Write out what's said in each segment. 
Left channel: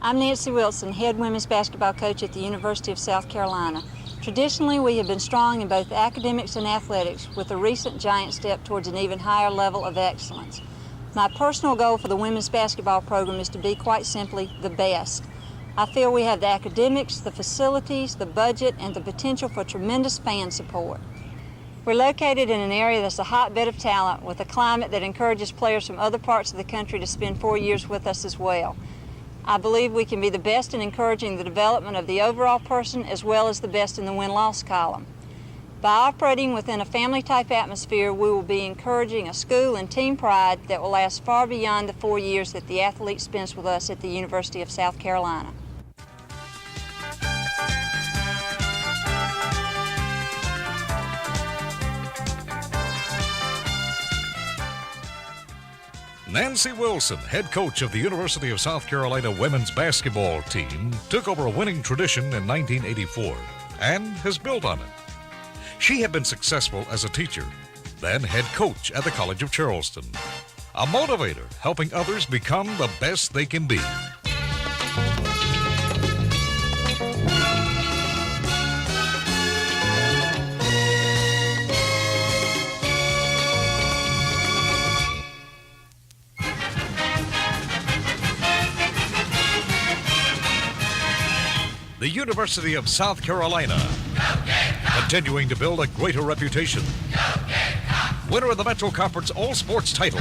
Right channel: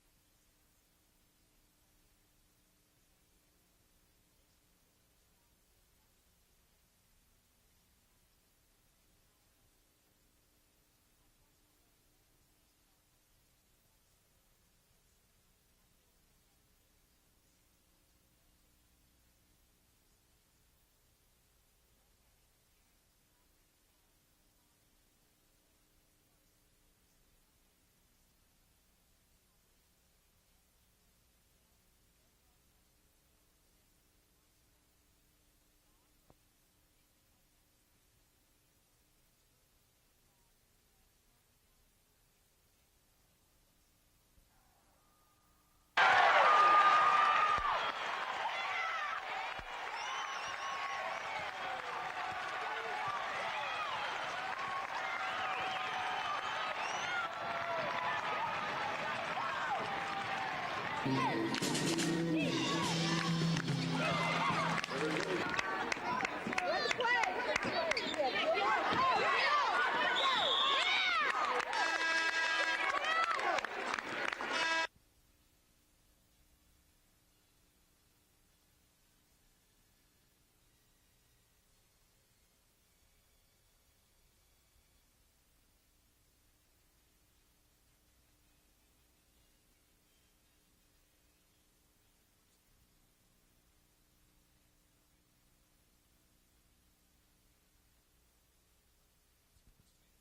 I'm Nancy Wilson, head women's basketball coach at the University of South Carolina. Traditionally, we have been strong in both academics and athletics, with a recent giant step towards an even higher level of excellence. My personal goal for the women's basketball program is to be, quite simply, the best. I feel we have the academics, the facilities, the budget, and the potential for tremendous fan support. We're located in an area that's a hotbed of talent, with a climate that encourages players from other parts of the country to spend 4 years with us as well. I believe we can be the best in encouraging the development of the overall person, as well as the best in the win-loss column. By operating within a family-type atmosphere, we will be encouraging a school and team pride that will last far beyond the 4 years that the athlete spends with us at the University of South Carolina. Nancy Wilson, head coach of the University of South Carolina women's basketball team, took over a winning tradition in 1984 and has built on it. She had been successful as a teacher, then head coach at the College of Charleston. A motivator, helping others become the best they can be. The University of South Carolina, continuing to build a greater reputation. Winner of the Metro Conference All-Sports title.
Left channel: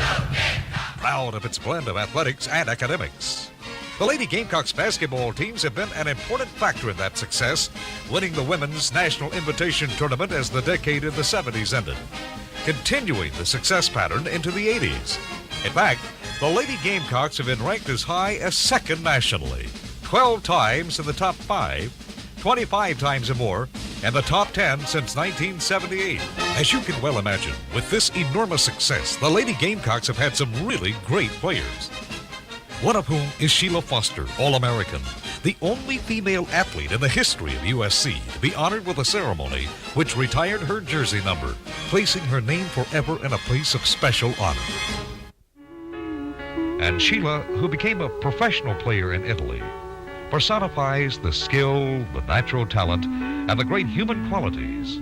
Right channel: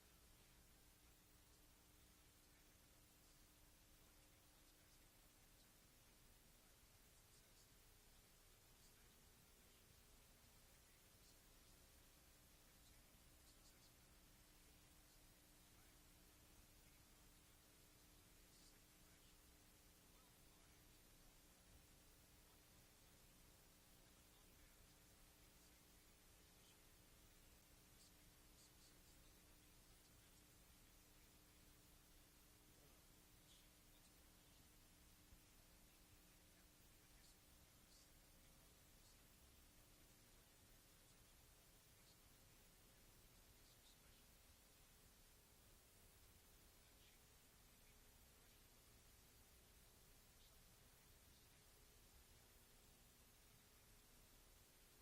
Proud of its blend of athletics and academics. The Lady Gamecocks basketball teams have been an important factor in that success, winning the Women's National Invitation Tournament as the decade of the 70s ended, continuing the success pattern into the 80s. In fact, the Lady Gamecocks have been ranked as high as second nationally. 12 times in the top 5, 25 times or more, and the top 10 since 1978. As you can well imagine, with this enormous success, the Lady Gamecocks have had some really great players. One of whom is Sheila Foster, All-American, the only female athlete in the history of USC to be honored with a ceremony which retired her jersey number, placing her name forever in a place of special honor. And Sheila, who became a professional player in Italy, personifies the skill, the natural talent, and the great human qualities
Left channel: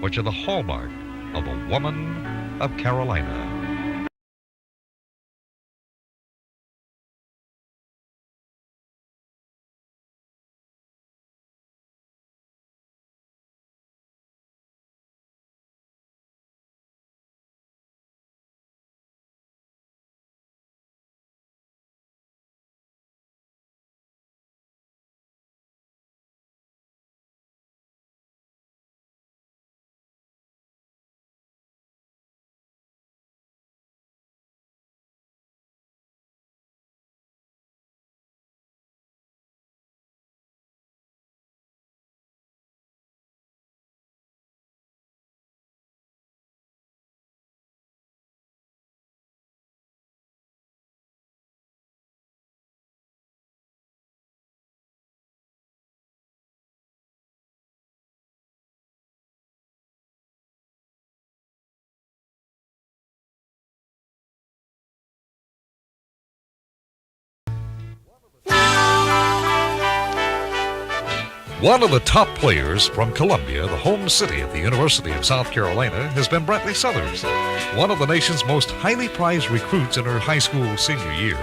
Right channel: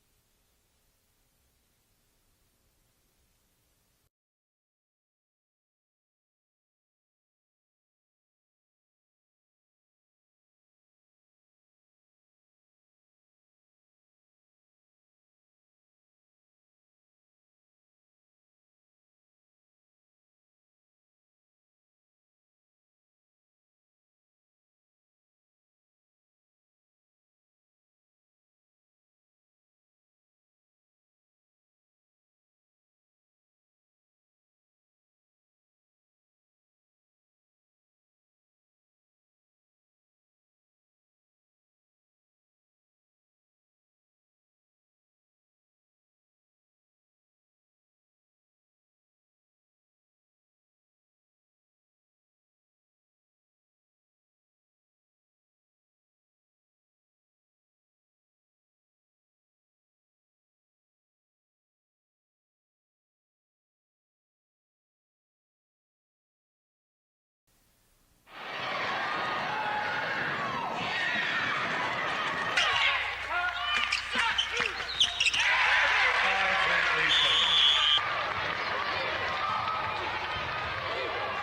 which are the hallmark of a woman of Carolina. One of the top players from Columbia, the home city of the University of South Carolina, has been Brantley Southers, one of the nation's most highly prized recruits in her high school senior year.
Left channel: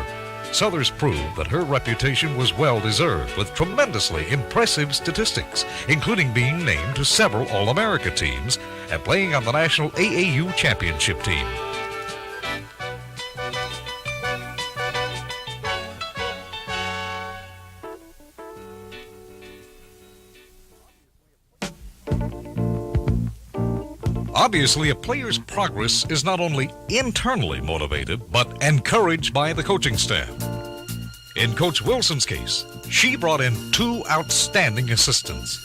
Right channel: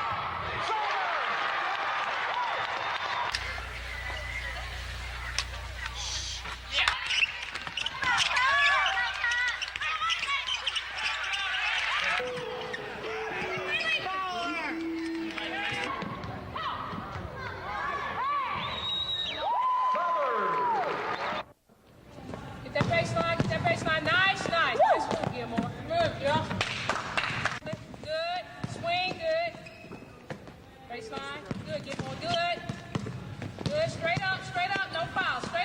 Southers proved that her reputation was well-deserved with tremendously impressive statistics, including being named to several All-America teams and playing on the National AAU Championship team. Obviously, a player's progress is not only internally motivated, but encouraged by the coaching staff. In Coach Wilson's case, she brought in 2 outstanding assistants,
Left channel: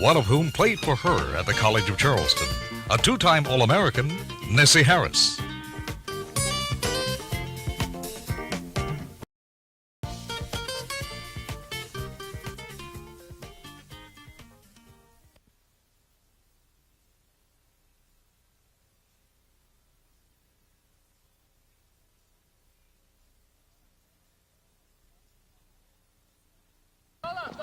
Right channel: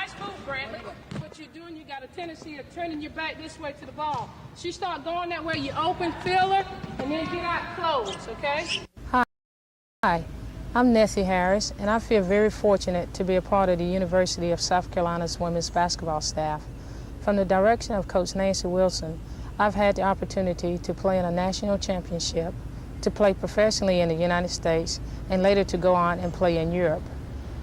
one of whom played for her at the College of Charleston, a 2-time All-American, Nessie Harris. Hi, I'm Nessie Harris, and I feel very fortunate to be a part of the University of South Carolina's women's basketball staff. From the direction of Coach Nancy Wilson, I've had the opportunity to play in a national championship, to play professionally in the United States and later to go on and play in Europe.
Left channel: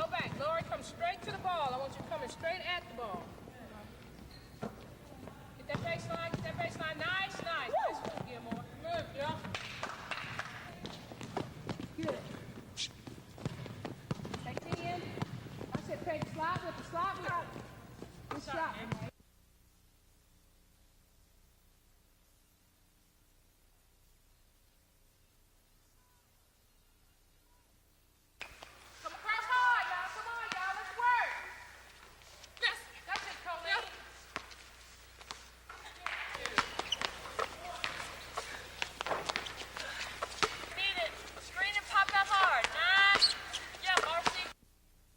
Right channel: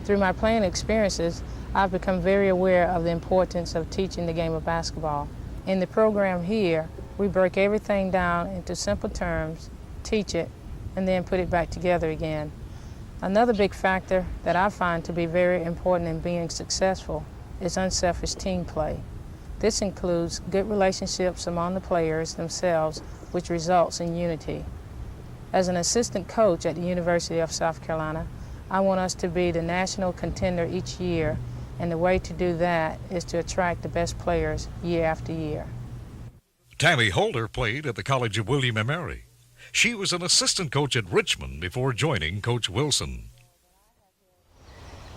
Through my playing experiences, I've become very aware of the importance of teaching the game of basketball. In the program here, we break everything down into simple terms, teach it, and then put it back together again. Another big factor that I find to be very important in being successful is unselfish team play. This includes good relationships among the players themselves, which results in unity. As an assistant coach at the University of South Carolina, I want us to be the national contender each year, and the way to do that is to attract the best players year after year. Tammy Holder played at the College of William & Mary. She was an assistant coach at Richmond before joining Coach Wilson.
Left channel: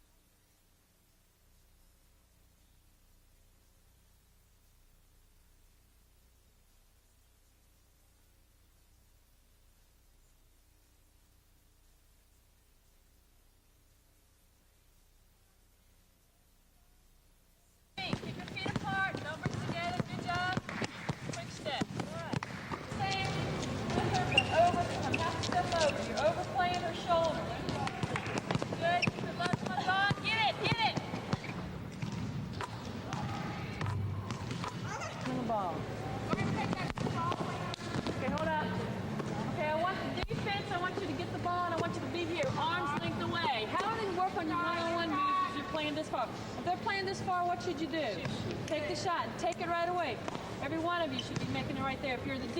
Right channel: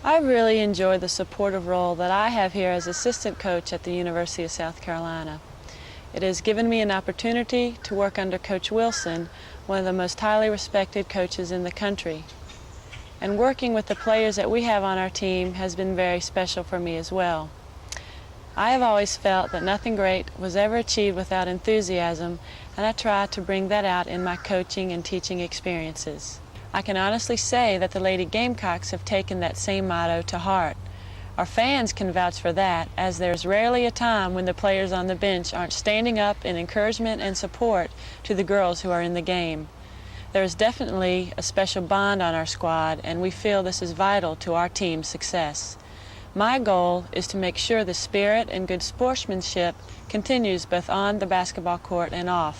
I really enjoy the supportive role that I have here as assistant coach at the University of South Carolina. It has given me an opportunity to work under Coach Wilson, one of the most highly respected coaches in the country. And working with the players that we have on our team has been very special for me as well. I have always felt that nothing great was ever achieved without enthusiasm, and I try to bring that out in my coaching and teaching experiences. I can honestly say that the Lady Gamecocks have taken that same motto to heart. Our fans can vouch for that, as there's rarely a time when the players on the bench aren't standing up in encouragement and support to the girls who are in the game. There is definitely a special bond on our squad, and we feel this is vital to our team's success. My goal is to make sure the spirit and good sportsmanship continues both on the basketball court and off.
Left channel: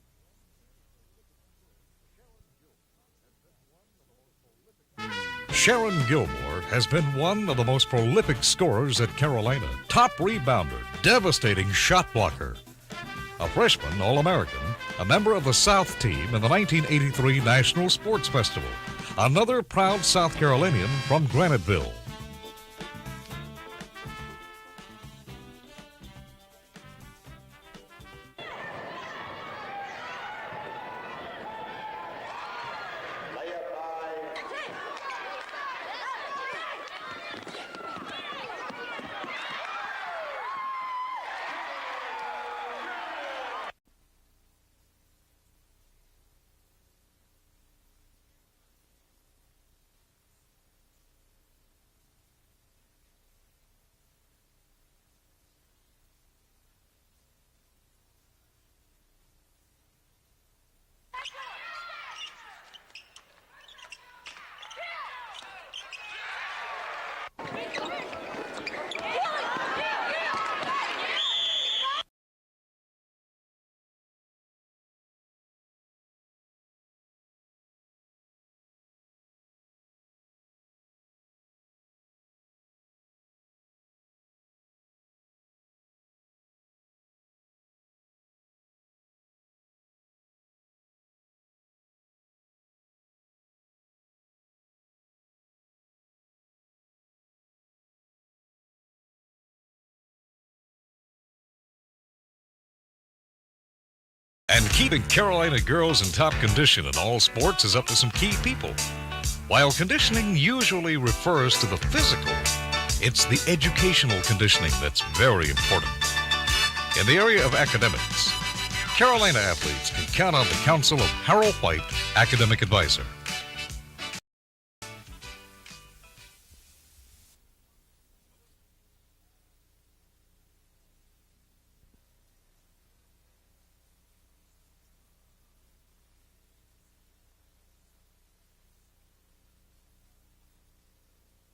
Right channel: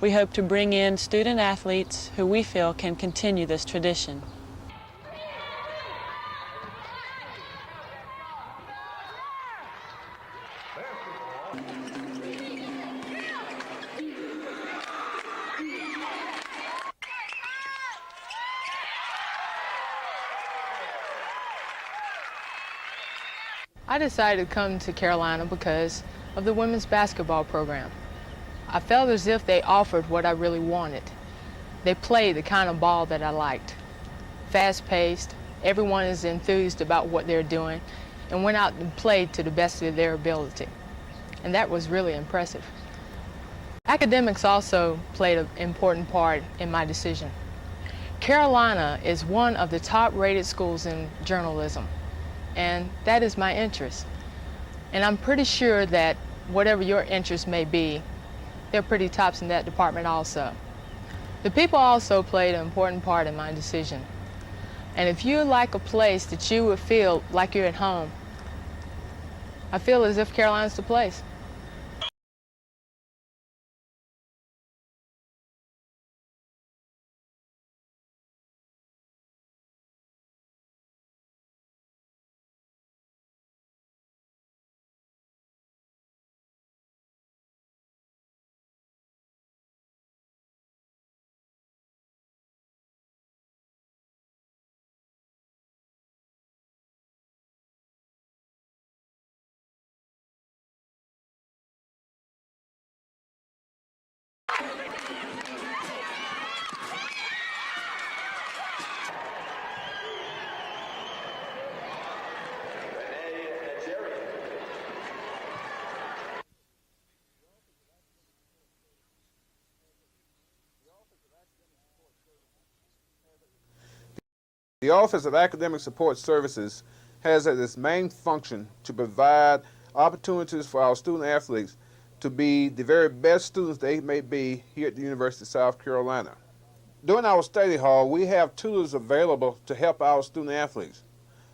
We hope to bring in student athletes who we feel can continue this tradition. Sharon Gilmore has been one of the most prolific scorers at Carolina. Top rebounder, devastating shot blocker. A freshman All-American, a member of the South team in the 1983 National Sports Festival. Another proud South Carolinian from Graniteville. I decided to come to Carolina because of the women's basketball program. I felt as if they offered what I really wanted. They played the kind of ball that I liked. Fast-paced, everyone is enthused about what they're doing, and went out and played to the best of their ability. And that was really impressive. Academics also played an important part in my decision. Carolina is one of the top-rated schools in journalism, and that is my interest. And I'm pretty sure that whatever your interest may be, they're pretty tops in that department also. The people also played an important part in my decision. And if you like a place that you would feel like you're at home, I feel as if Carolina's the place. And keeping Carolina girls in top condition in all sports is up to some key people. While conditioning usually refers to the physical, it's the educational conditioning that's very important. In the area of academics, Carolina athletes can count on the counsel of Harold White, academic advisor. The Office of Academic Support Services has as its main function to provide opportunities for our student athletes to be the very best students they may be here at the University of South Carolina. During our study hall, we have tutors available to help our student athletes.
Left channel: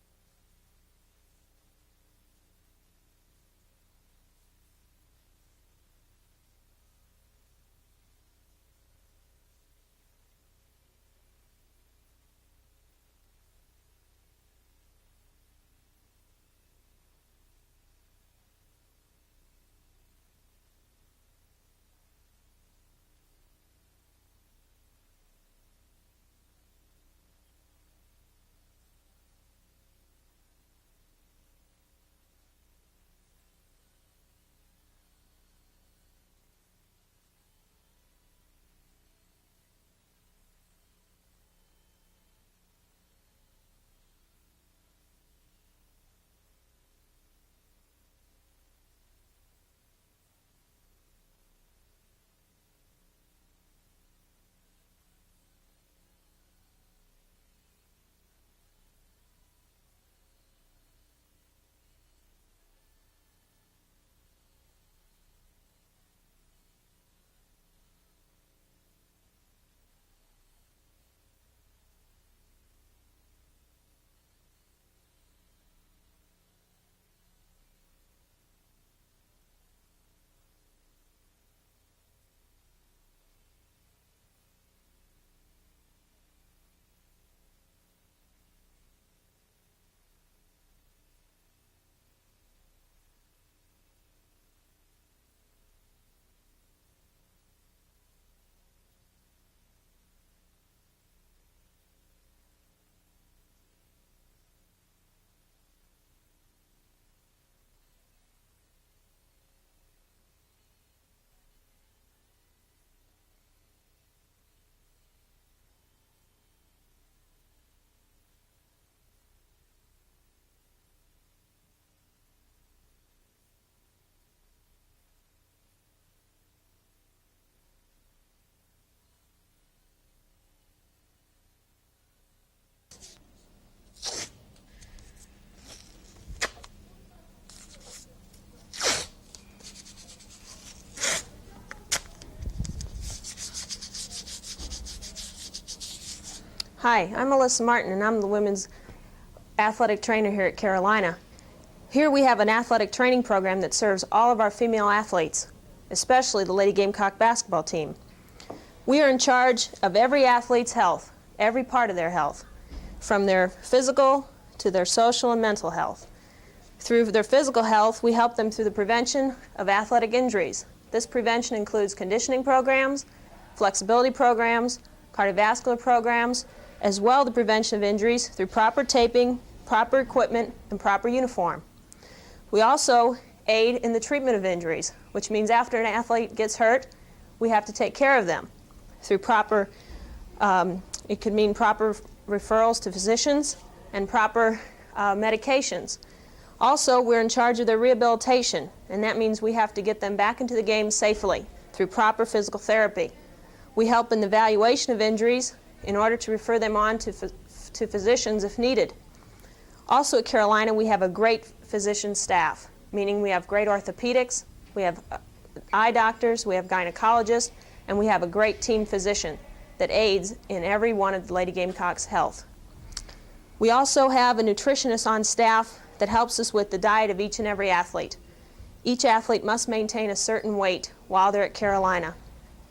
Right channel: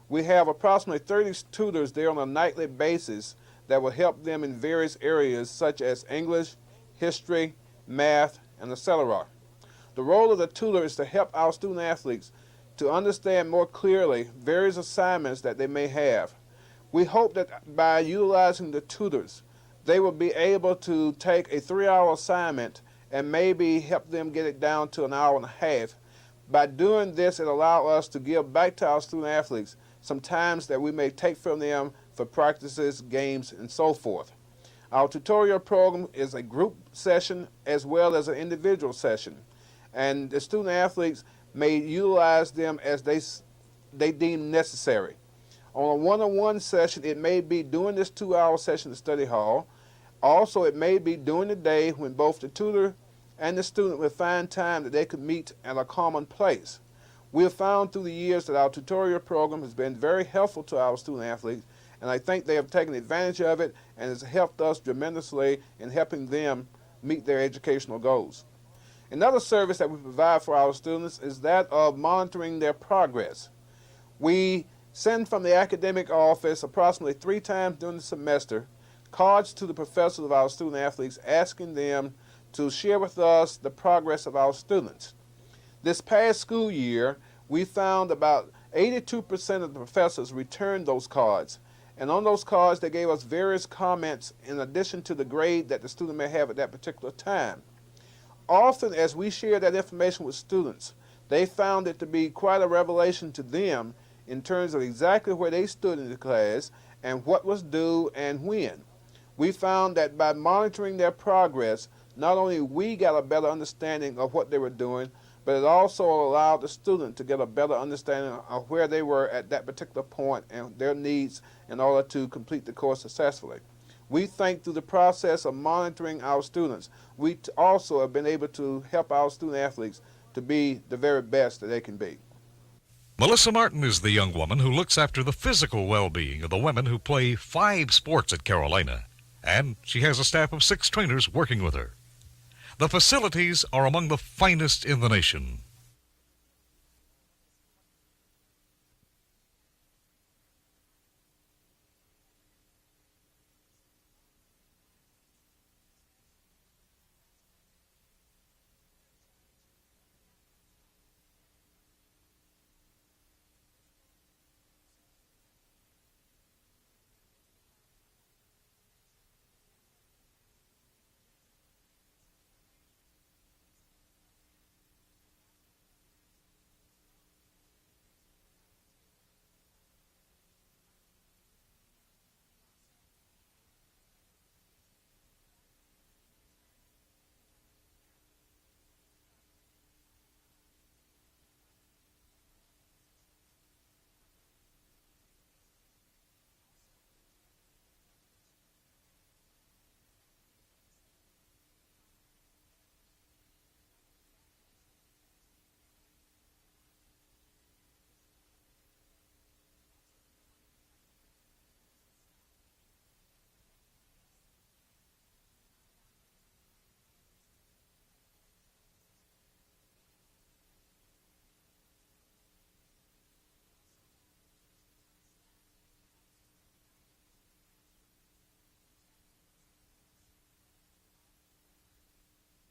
We have approximately 30 tutors there on a nightly basis that will help them in various areas such as English, history, math, and etc. The role of the tutor is to help our student athletes to understand more clearly various assignments that they may have. We hope that by utilizing the tutors, they will be able to take a 3-hour assignment and maybe help them get it down to an hour and a half. By doing this, it allows us to give back to our student athletes some times that we may take from them for practices, games, and so forth. Our tutorial program is a group session as well as an individual session, and the student athletes may utilize them as they deem necessary. On a one-on-one session, it may be during this 2-hour session at the study hall. Also, it may be during the day when both the tutor and the student would find time that they could meet at a common place. We have found through the years that our tutorial program has been very helpful to our student athletes, and I think they have taken advantage of it and has helped us tremendously in helping them meet their educational goals. Another service that we provide for our students is that of monitoring their progress. We send from the academic office approximately 3 times during the semester cards to the professors of our student athletes asking them to share with us the progress of our students. This past school year, we found about 82% of the professors returned those cards. And on those cards, they gave us various comments in addition to the grade that the student may have at that particular time. Often, as we share that information with students, they found it to be quite a revelation to them in terms of exactly where they stood in the class and what was due and when. We found that by monitoring their progress, not only we got a better understanding of what they were doing, but it also allowed the student to get a better understanding of where they were at that particular point and their needs in order to complete the course successfully. We think through the process of monitoring our students, we also have been able to help our student athletes to be the very best that they can be. Melissa Martin is the young woman who looks after the physical well-being of the women who play 5 sports at Carolina, and she has a staff of 6 trainers working with her. The facilities are among the finest in the nation. Hi, I'm Melissa Martin, and I'm the women's athletic trainer here at Carolina. Here we have an athletic training program that serves all of our female athletes, especially the Lady Gamecock basketball team. We are in charge of every athlete's health, every part of their health, from their physical to their social and mental health. Through their physical health, we help them through the prevention of athletic injuries. This prevention includes conditioning programs, flexibility programs, cardiovascular programs, as well as the prevention of injuries through proper taping, proper equipment, and proper uniform. We also aid in the treatment of injuries, which means after an athlete gets hurt, we have to take care of them through proper, it could mean proper referrals to physicians and proper medications. Also, we're in charge of their rehabilitation, and that means we have to get them back into the game safely through proper physical therapy. We help in the evaluation of injuries in order to refer them on to physicians if needed. Also at Carolina, we have a great physician staff, meaning we have great orthopedics, we have eye doctors, we have gynecologists, and we have a great team physician that aids in every one of the Lady Gamecocks' health. We also have a nutritionist on staff that helps us with the diet of each and every athlete. Each athlete must maintain a certain weight while they're at Carolina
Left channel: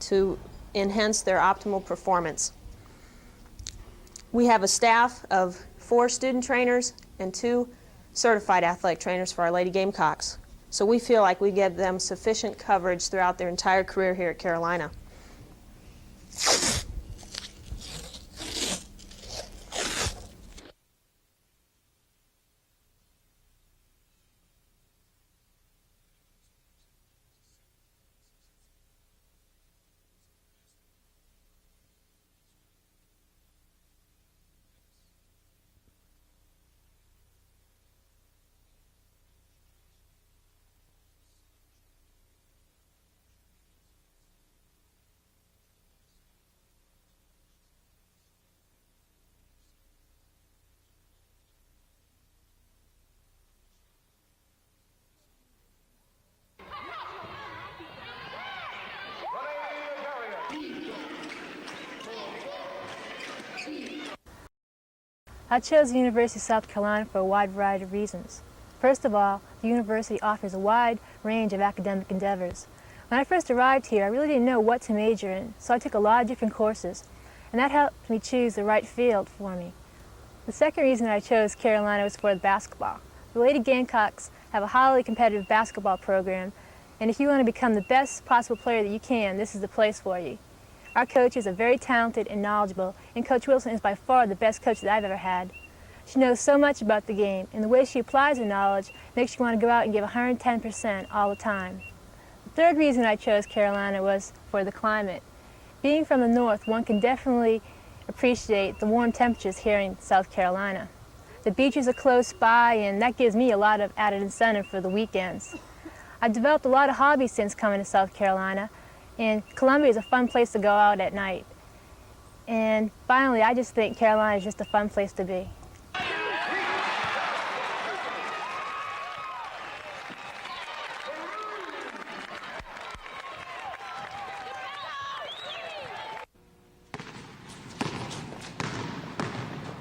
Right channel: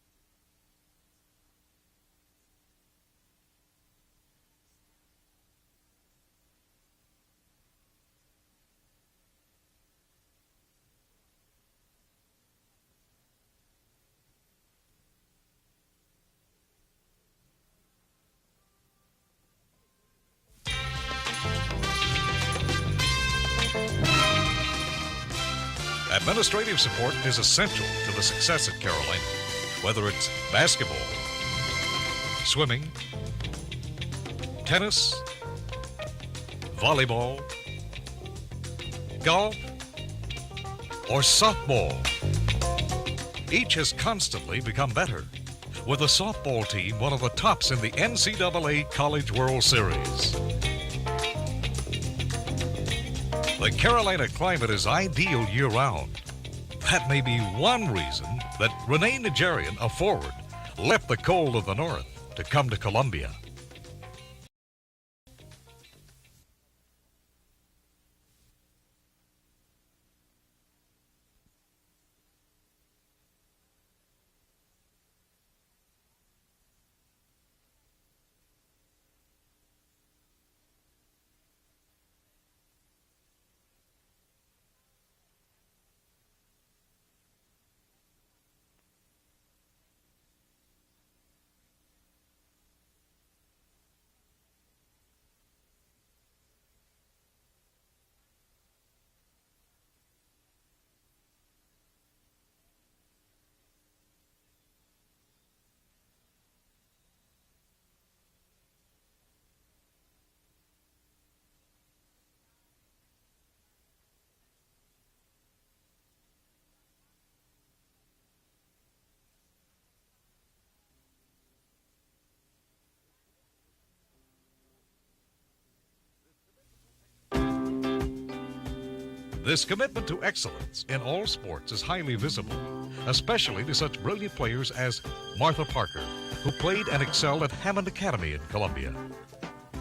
to enhance their optimal performance. We have a staff of 4 student trainers and 2 certified athletic trainers for our Lady Gamecocks. So we feel like we give them sufficient coverage throughout their entire career here at Carolina. Administrative support is essential to the success at Carolina, whether it's basketball, swimming, tennis, volleyball, golf, or softball. Each has constantly become better, with the softball team one of the tops in the NCAA College World Series. The Carolina climate is ideal year-round. That may be one reason that Renee Nigerian, a forward, left the cold of the north to come to Columbia. I chose the University of South Carolina for a wide variety of reasons. First of all, the university offers a wide range of academic endeavors. When I first arrived here, I really didn't know what to major in, so I took a lot of different courses, and that helped me choose the right field for me. The second reason I chose Carolina was for the basketball. The Lady Gamecocks have a highly competitive basketball program, and if you want to become the best possible player that you can, this is the place for you. Our coaches are very talented and knowledgeable, and Coach Wilson is by far the best coach that I've ever had. She knows so much about the game, and the way she applies her knowledge makes you want to go out and give 110% all the time. The third reason I chose Carolina was for the climate. Being from the north, one can definitely appreciate the warm temperatures here in South Carolina. The beaches are close by, and that gives me a lot of added incentive for the weekends. I've developed a lot of hobbies since coming to South Carolina, And Columbia is a fun place to go out at night. And finally, I just think Carolina is just a fun place to be. This commitment to excellence in all sports is highly visible, especially to such brilliant players as Martha Parker, who played and excelled at Hammond Academy in Columbia.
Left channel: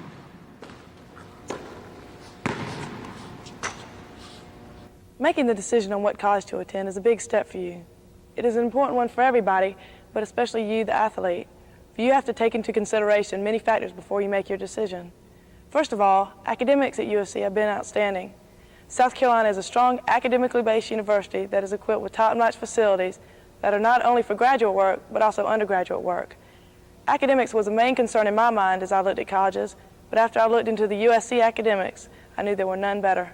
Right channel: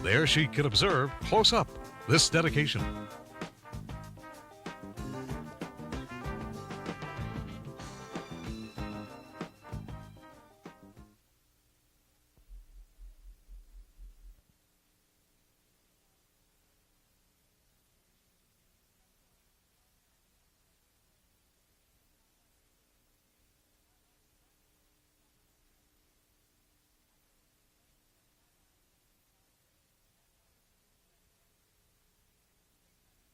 There she could observe close up this dedication. Making the decision on what college to attend is a big step for you. It is an important one for everybody, but especially you, the athlete. You have to take into consideration many factors before you make your decision. First of all, academics at USC have been outstanding. South Carolina is a strong academically based university that is equipped with top-notch facilities that are not only for graduate work, but also undergraduate work. Academics was a main concern in my mind as I looked at colleges, but after I looked into the USC academics, I knew there were none better.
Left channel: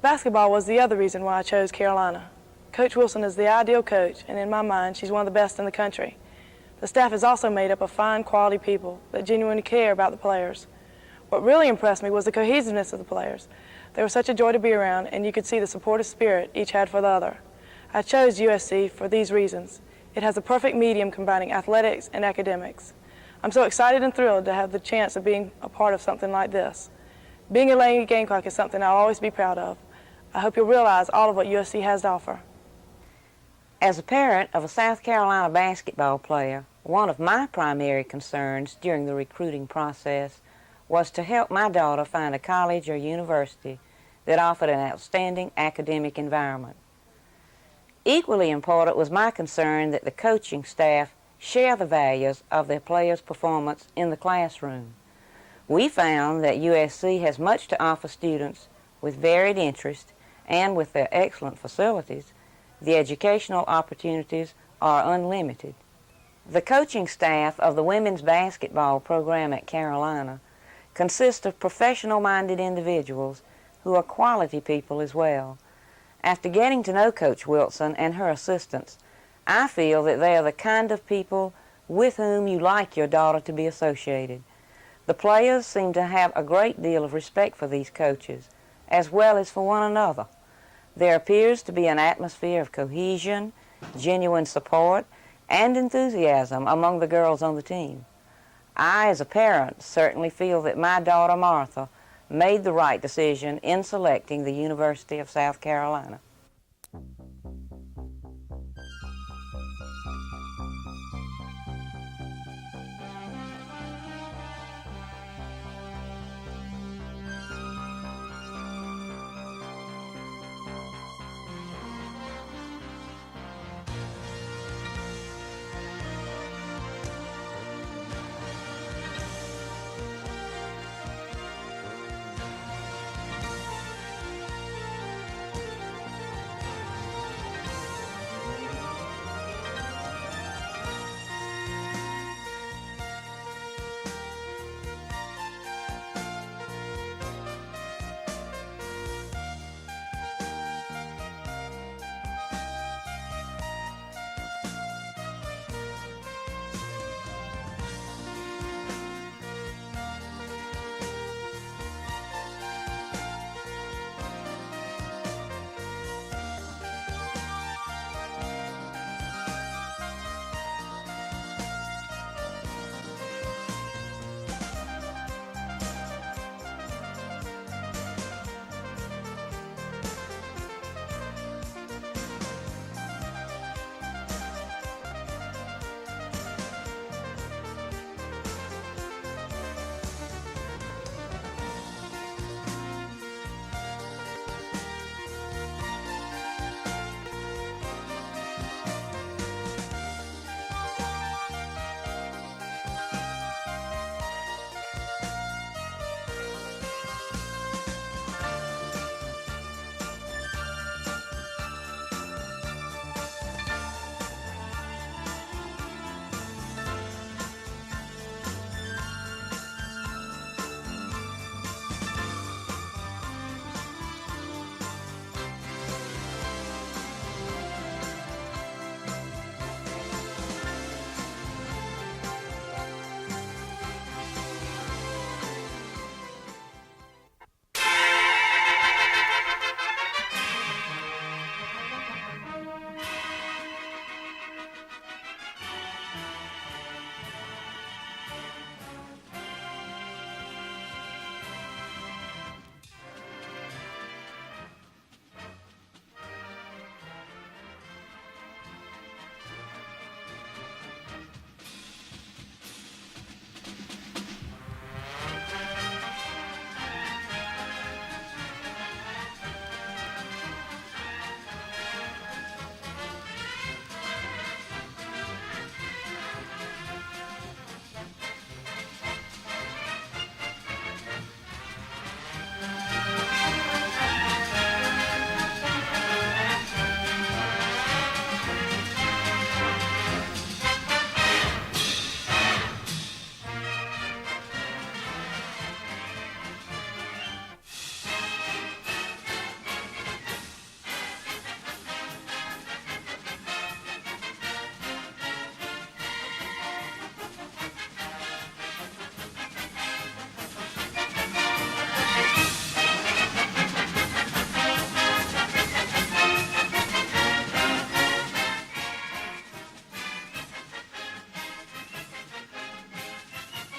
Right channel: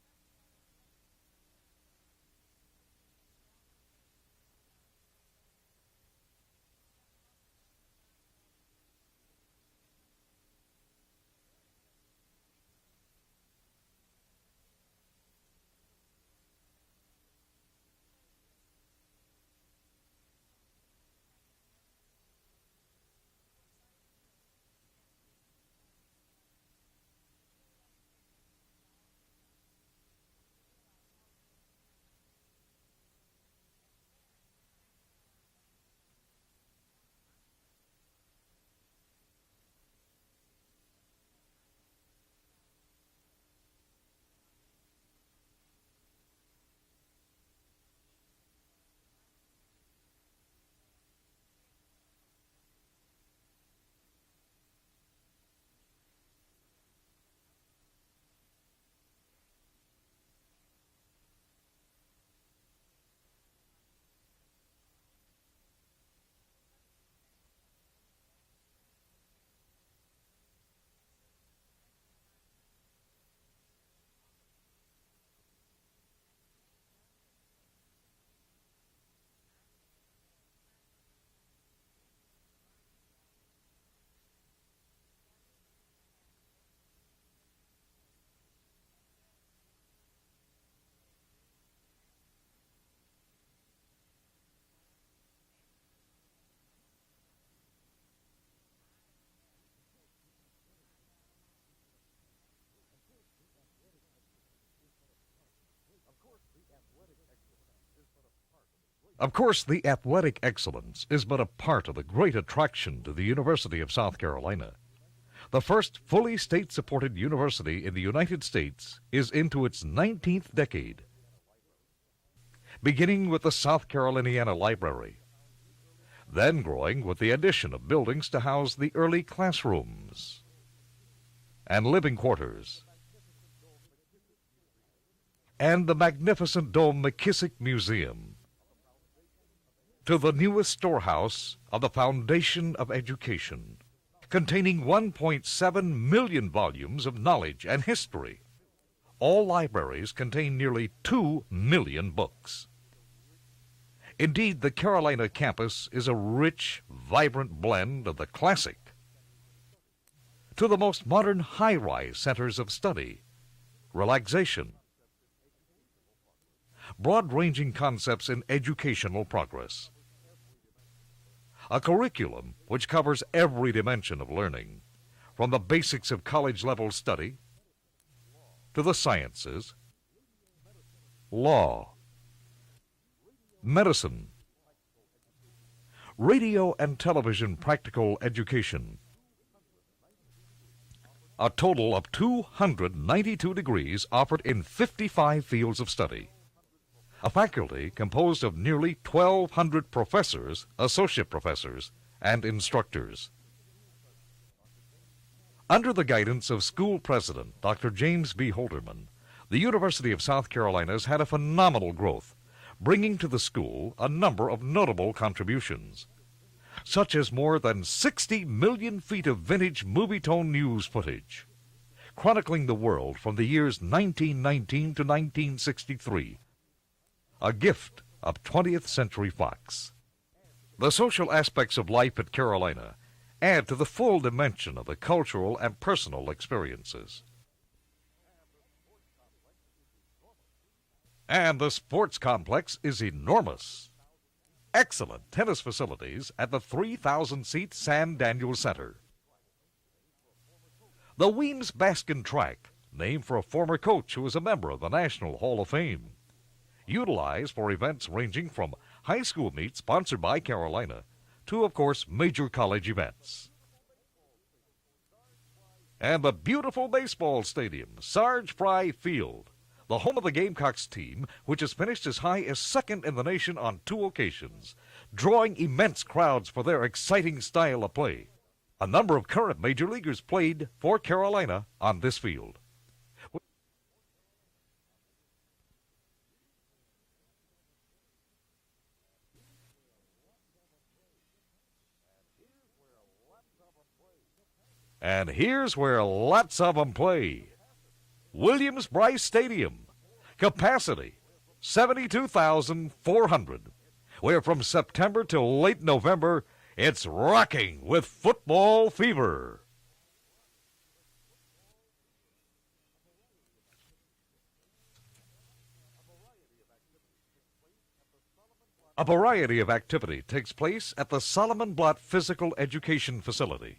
Basketball was the other reason why I chose Carolina. Coach Wilson is the ideal coach, and in my mind, she's one of the best in the country. The staff is also made up of fine, quality people that genuinely care about the players. What really impressed me was the cohesiveness of the players. They were such a joy to be around, and you could see the supportive spirit each had for the other. I chose USC for these reasons. It has a perfect medium combining athletics and academics. I'm so excited and thrilled to have the chance of being a part of something like this. Being a Langley Gamecock is something I'll always be proud of. I hope you'll realize all of what USC has to offer. As a parent of a South Carolina basketball player, one of my primary concerns during the recruiting process was to help my daughter find a college or university that offered an outstanding academic environment. Equally important was my concern that the coaching staff share the values of their players' performance in the classroom. We found that USC has much to offer students with varied interests, and with their excellent facilities, the educational opportunities are unlimited. The coaching staff of the women's basketball program at Carolina consists of professional-minded individuals who are quality people as well. After getting to know Coach Wilson and her assistants, I feel that they are the kind of people with whom you like your daughter to be associated. The players seem to have a great deal of respect for these coaches, as well as for one another. There appears to be an atmosphere of cohesion, genuine support, and enthusiasm among the girls on the team. I, as a parent, certainly feel that my daughter Martha made the right decision in selecting the University of South Carolina. Of course, the athletic excellence is but a part of the great attraction to the University of South Carolina. The first fully state-supported university in the United States is into its 19th decade, beginning with the South Caroliniana Library, then growing with the addition of buildings to house the early classrooms and living quarters, and the magnificent dome McKissick Museum, to the newest storehouse on the foundation of education, containing 1.7 million volumes of knowledge and history. All libraries contain nearly 2 million books. Indeed, the Carolina campus is a rich, vibrant blend of the classic to the most modern high-rise centers of study, relaxation, broad-ranging concepts in educational progress, a curriculum which covers every dimension of learning, from the basics of college-level study to the sciences, law, medicine, radio and television practical education. A total of 292 degrees offered in 55 fields of study. A faculty composed of nearly 1,200 professors, associate professors, and instructors. Under the guidance of school president Dr. James B. Holderman, the University of South Carolina has had a phenomenal growth, bringing to the school a number of notable contributions, such as more than 60 million feet of vintage movie-tone news footage, chronicling the world from the years 1919 to 1963, a gift of 20th Century Fox. The social aspects of life at Carolina add to the full dimension of the cultural and personal experiences. And the sports complex is enormous. excellent tennis facilities at the 3,000-seat Sam Daniels Center. The Weems Baskin Track, named for a former coach who was a member of the National Hall of Fame. Utilized for events ranging from high school meets sponsored by Carolina to, of course, major college events. And the beautiful baseball stadium, Sarge Fry Field, the home of the Gamecocks team, which has finished as high as second in the nation on 2 occasions, drawing immense crowds for their exciting style of play. A number of current major leaguers played for Carolina on this field. And here's where lots of them play. Williams-Brice Stadium, capacity 72,400, where from September till late November, it's rocking with football fever. A variety of activity takes place at the Solomon Blott Physical Education Facility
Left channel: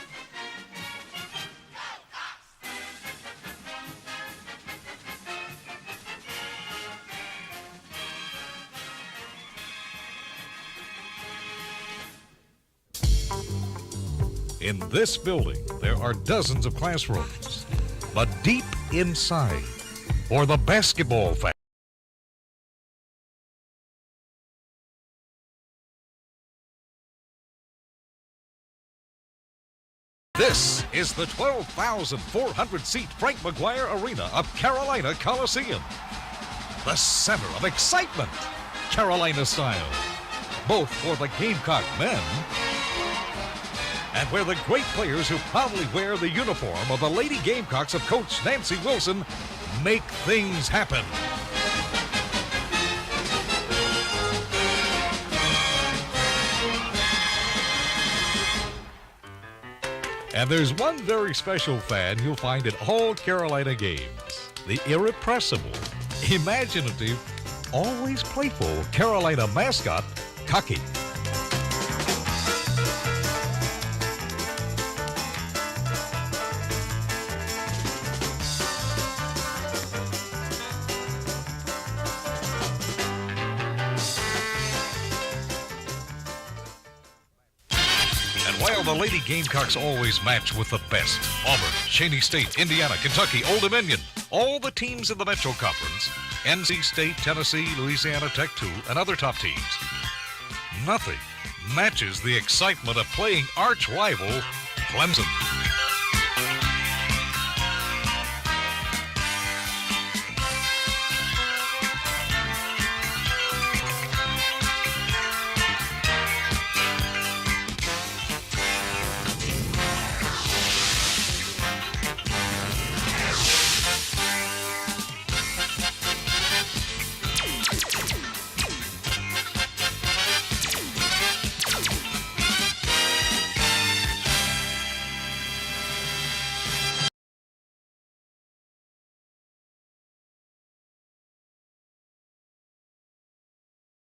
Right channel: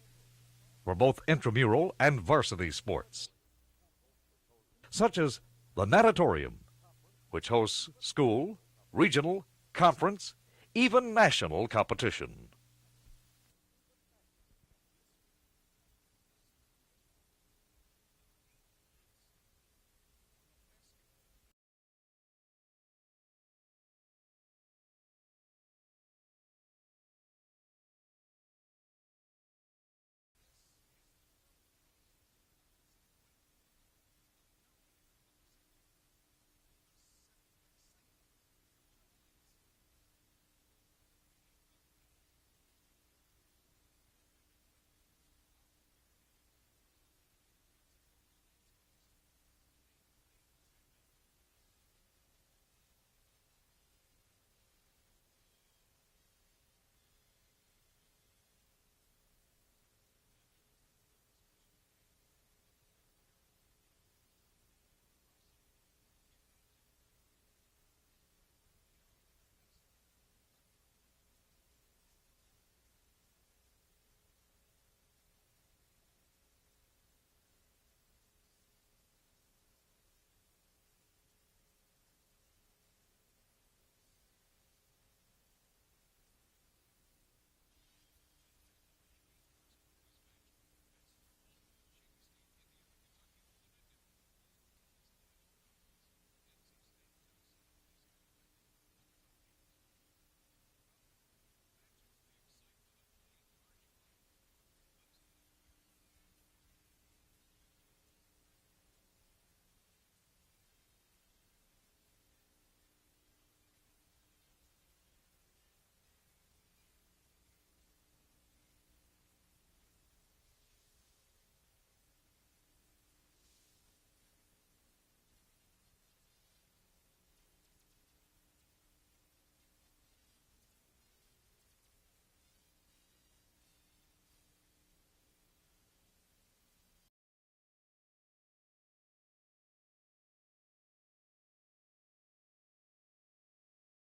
for both intramural and varsity sports, such as the Natatorium, which hosts school, regional, conference, even national competition. In this building, there are dozens of classrooms, but deep inside, for the basketball fan, this is the 12,400-seat Frank McGuire Arena of Carolina Coliseum. The center of excitement, Carolina style, both for the Gamecock men and where the great players who proudly wear the uniform of the Lady Gamecocks of Coach Nancy Wilson make things happen. And there's one very special fan you'll find at all Carolina games. The irrepressible, imaginative, always playful Carolina mascot, Cocky. While the Lady Gamecocks always match with the best, Auburn, Cheney State, Indiana, Kentucky, Old Dominion, all the teams in the Metro Conference, NC State, Tennessee, Louisiana Tech 2, and other top teams, nothing matches the excitement of playing arch rival Clemson.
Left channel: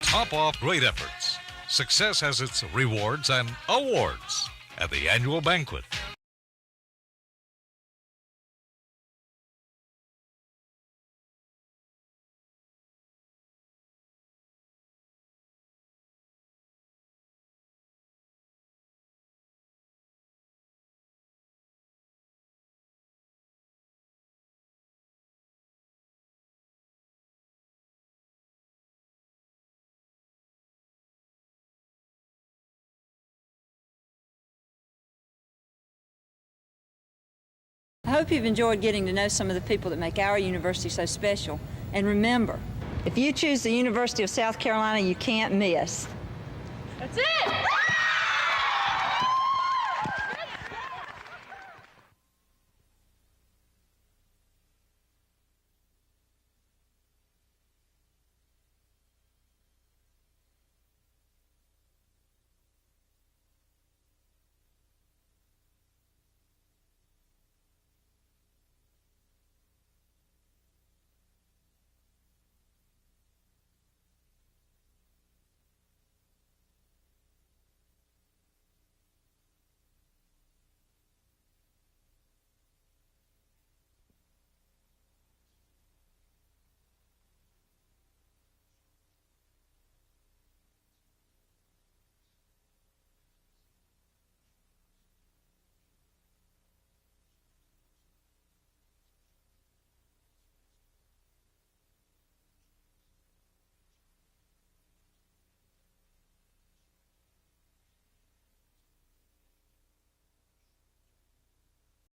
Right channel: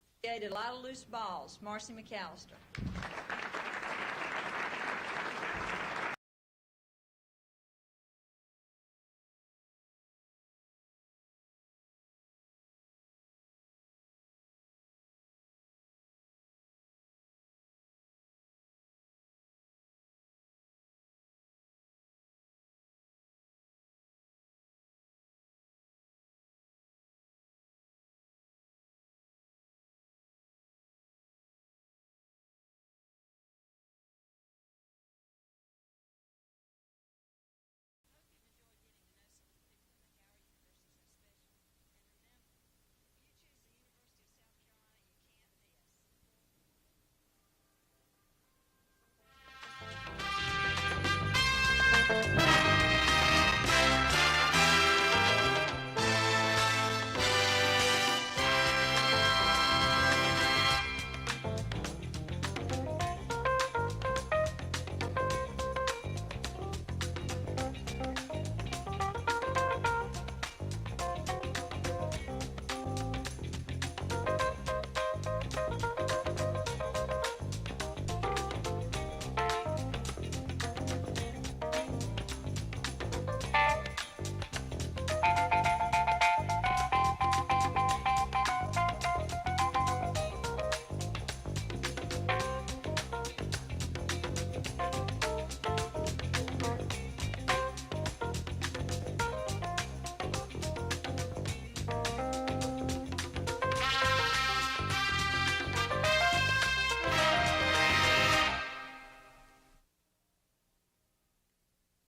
Top off great efforts. Success has its rewards and awards at the annual banquet. I hope you've enjoyed getting to know some of the people that make our university so special. And remember, if you choose the University of South Carolina, you can't miss. That's it!